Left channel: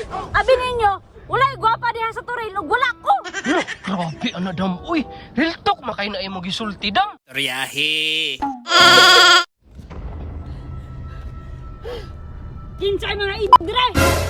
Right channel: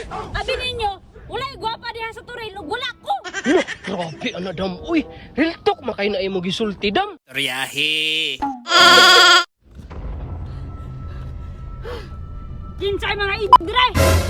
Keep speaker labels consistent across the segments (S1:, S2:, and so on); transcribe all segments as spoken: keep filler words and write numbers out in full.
S1: Abi ninyo, walay gwapa diha sa Toril ug wala ko.
S2: Look, grabe ana dam. Uy, real talk makay na imo gisulti dam.
S3: Toryahe.
S1: Kinsay mga ibig dire.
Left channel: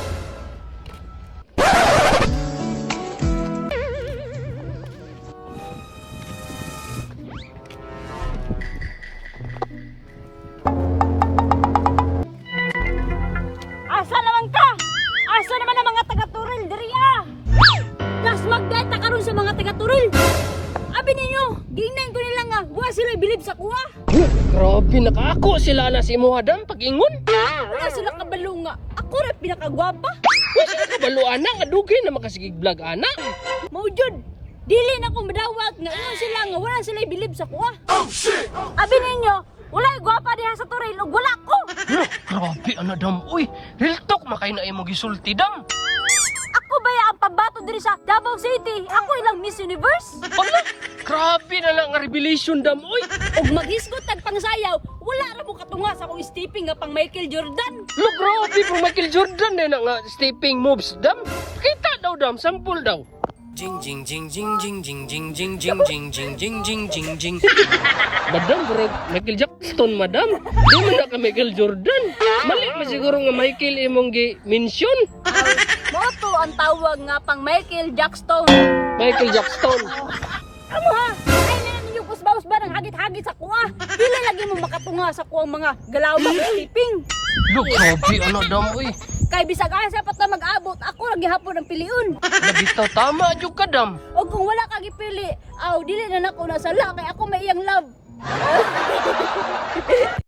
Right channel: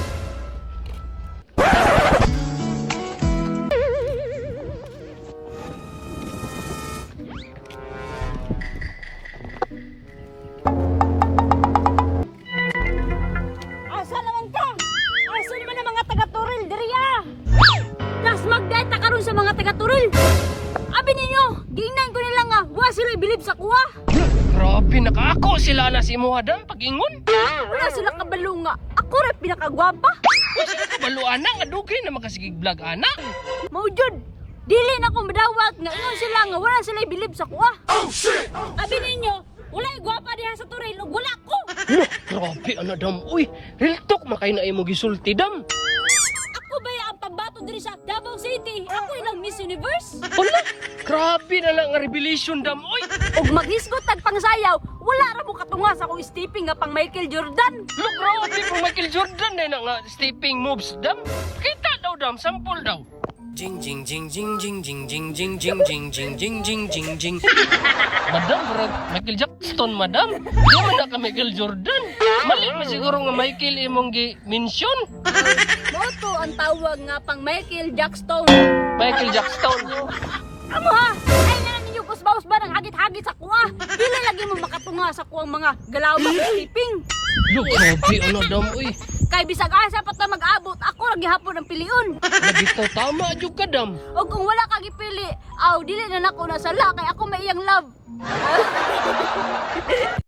S1: Asa naman ka? Asa naman ang mga taga-Turil diri ah? Das magdata karon sa mga taga-Turil. Abi ninyo, gingnan ko nila nga, wa sila bilib sa kuha.
S2: Look, grabe nakaako sila na si imo dam pag-ingon.
S1: Wala sila kabalo nga. Ako ra pinakagwapa.
S2: Wala ka balo ana nga dugay na makasigig vlog ana.
S1: Maujud, dili na ko madawat nga ingon sila nga wala sila bilib sa kuha. Oh shit! Abi ninyo, wala gwapa diha sa Toril ug wala ko.
S2: Look, grabe ana dam. Uy, real talk makay na imo gisulti dam.
S1: Ako baya ang pambato diri sa Davao City. Ako ilang Miss Universe.
S2: Wala, grabe na lang nga revelation dam. Uy,
S1: Ug maghisgot tag pangsayaw, wala ra mo katunga sa akong stepping nga pang Michael Jordan.
S2: look, grabe mo Michael Jordan na na nga stepping moves dam. Kita daw dam, sample daw.
S3: Jing jing jing jing jing jing jing jing jing jing jing jing jing jing jing.
S2: Madam, bro, Michael Jackson, madam. Di man na ka Michael Jordan. Mali pa siguro nga Michael imong gi-mention.
S1: Mao to ang tawag nga pang Michael Jackson.
S2: Michael Jackson.
S1: Amo ha, ay na ninyo kusbaus ba ng hagit-hagit sa kuha. Dili lagi mo makatunga sa kuwang mga galaw sa stepping.
S2: Look, grabe ano dam. Uy,
S1: Kay bisag asa pat na mag-abot, ako lagi hapon ang piliun.
S2: nagitaw tama jud ka dam.
S1: O kung wala ka gipili, aw dili na nako na sala kay ako may iyang love.